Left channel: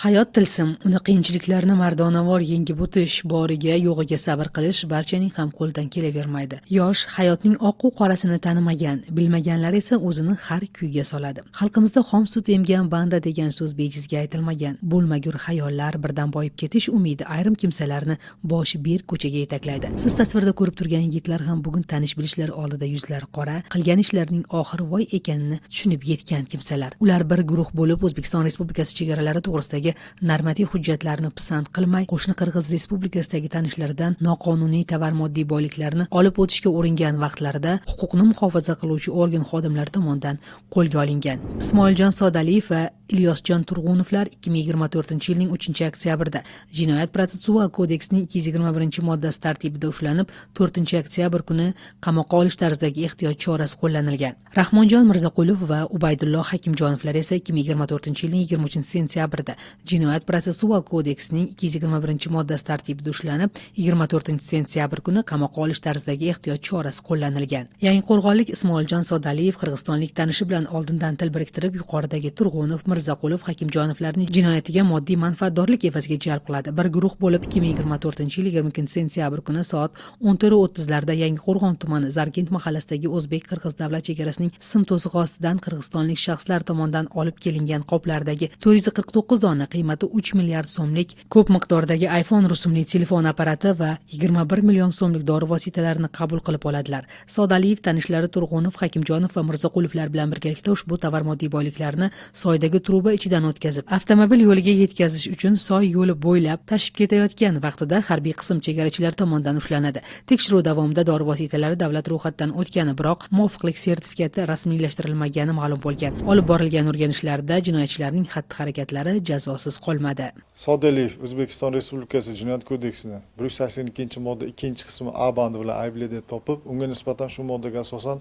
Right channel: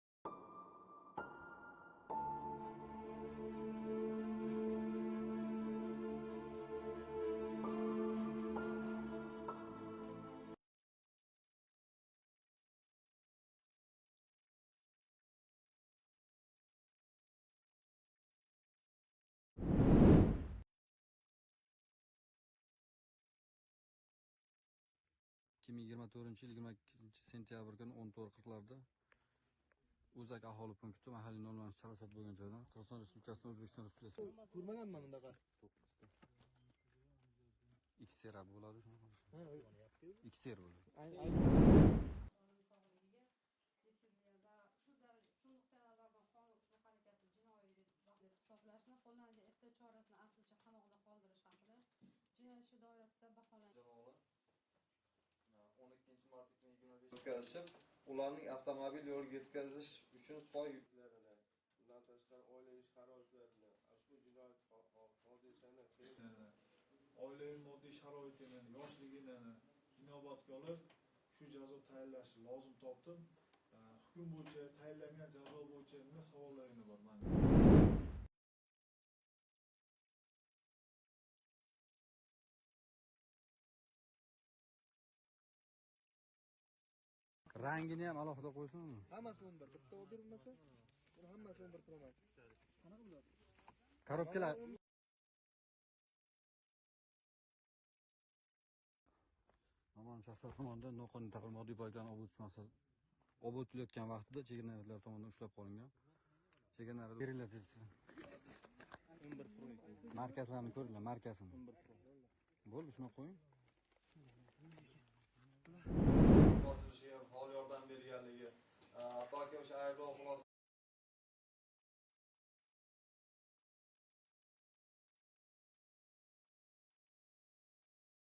Hayot tilsim, uni qiyinchiliklarni mardonavor yengib o'tish, boriga, yo'g'iga sabr qilish barchaning ham qo'lidan kelavermaydi. Yosh hayotning oq u qorasini tanimagan, bilmaganlar esa o'zini har kuyga soladi. Xalqimizda xom sut emgan banda degan so'z bejizga aytilmagan. Bo'lmagur xayollar, birdan boyib ketish umidi ayrim kimsalarni boshi berk ko'chaga yetaklaydi. Siz tasvirda ko'rib turgan yigitlar ham bugun tanish bilishlar oldida yuzlari qora, qilgan ishlarining oxiri voy ekanini tushunib yetgan kimsalar. Ular bir guruh bo'lib O'zbekiston Respublikasi chegaralari to'g'risidagi normativ hujjatlarni pisand qilmay, qo'shni Qirg'iz Respublikasidagi tanishlaridan noqonuniy tovar moddiy boyliklarni olib o'tishga uringan vaqtlarida huquqni muhofaza qiluvchi organ xodimlari tomonidan qo'lga olingan. Ismoiljon Sodaliyev va Ilyosjon Turg'unovlar 2024-yilning 3-oktyabrida Jinoyat protsessual kodeksining 221-moddasi tartibida ushlanib, 4-oktyabr kuni qamoqqa olish tarzidagi ehtiyot chorasi qo'llanilgan. Rahmonjon Mirzaqulov va Ubaydullo Hakimjonovlar esa 2024-yilning 23-sentyabrida Jinoyat protsessual kodeksining 221-moddasi tartibida ushlanib, 24-sentyabr kuni qamoqqa olish tarzidagi ehtiyot chorasi qo'llanilgan. Yangiqo'rg'onlik Ismoiljon Sodaliyev qirg'izistonlik tanishi bilan oldindan til biriktirib, yuqoridagi Turg'unov, Mirzaqulov, Hakimjonovlarning jinoyatiga moddiy manfaatdorlik evaziga jalb qiladi. Bir guruh bo'lib 2024-yil 22-sentyabr kuni soat 14:30 larda Yangiqo'rg'on tumani Zargent mahallasidagi o'zbek-qirg'iz davlat chegarasining sim to'sig'i ostidan qirg'izistonlik shaxslar tomonidan olib kelingan qoplardagi 449 dona qiymati 3 milliard so'mlik ko'p miqdordagi iPhone rusumli telefon apparati va 21 million so'mlik dori vositalarini qabul qilib oladilar. Sodaliyev tanishlari Turg'unov, Hakimjonov va Mirzaqulovlar bilan birgalikda ushbu tovar moddiy boyliklarni soydagi truba ichidan o'tkazib, avtomobil yo'liga yetkazish uchun soy yo'li bo'ylab tashib ketayotgan vaqtida harbiy qism chegarachilar tomonidan ushlanadi. Tekshiruv davomida dori vositalari davlat ro'yxatidan o'tgani, biroq muvofiqlik sertifikati rasmiylashtirilmagani ma'lum bo'lgan. Olib borilgan o'rganishlarda jinoyatchilarning xatti-harakatlari jazosiz qolmadi. Sodaliyev O'zbekiston Respublikasi Jinoyat kodeksining 182-modda 2-qismi A bandi bilan aybli deb topib, unga nisbatan shu moddaga asosan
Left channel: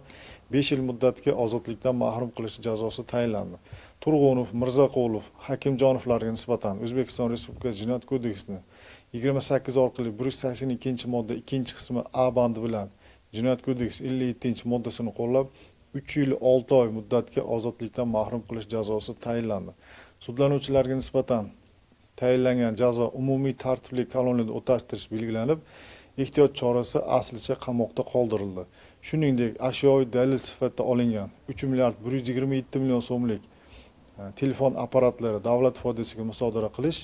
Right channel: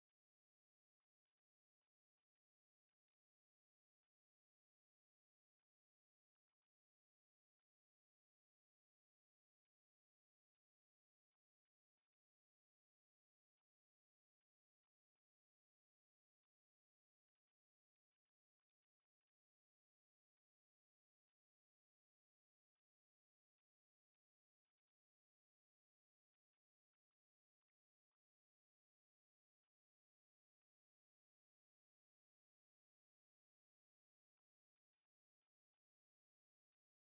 5 yil muddatga ozodlikdan mahrum qilish jazosi tayinlandi. Turg'unov, Mirzaqulov, Hakimjonovlarga nisbatan O'zbekiston Respublikasi Jinoyat kodeksining 28 orqali 182-modda 2-qismi A bandi bilan Jinoyat kodeksi 57-moddasini qo'llab 3 yil 6 oy muddatga ozodlikdan mahrum qilish jazosi tayinlandi. Sudlanuvchilarga nisbatan tayinlangan jazo umumiy tartibli koloniyada o'tashtirish belgilanib, ehtiyot chorasi aslicha qamoqda qoldirildi. Shuningdek, ashyoviy dalil sifatida olingan 3 milliard 127 million so'mlik telefon apparatlari davlat foydasiga musodara qilish,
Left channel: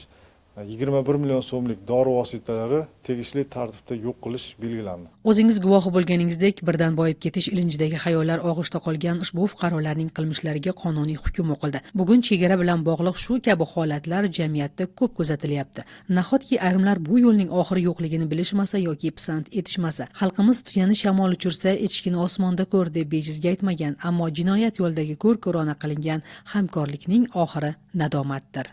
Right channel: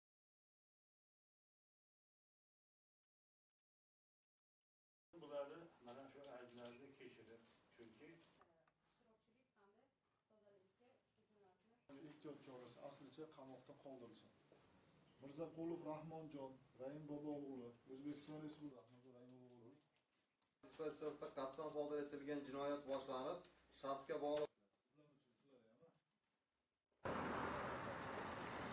21 million so'mlik dori vositalari tegishli tartibda yo'q qilish belgilandi. O'zingiz guvohi bo'lganingizdek, birdan boyib ketish ilinjidagi xayollar og'ishda qolgan ushbu fuqarolarning qilmishlariga qonuniy hukm o'qildi. Bugun chegara bilan bog'liq shu kabi holatlar jamiyatda ko'p kuzatilyapti. Nahotki ayrimlar bu yo'lning oxiri yo'qligini bilishmasa yoki pisand etishmasa, xalqimiz tuyani shamol uchirsa, echkini osmonda ko'r deb bejizga aytmagan, ammo jinoyat yo'lidagi ko'r-ko'rona qilingan hamkorlikning oxiri nadomatdir.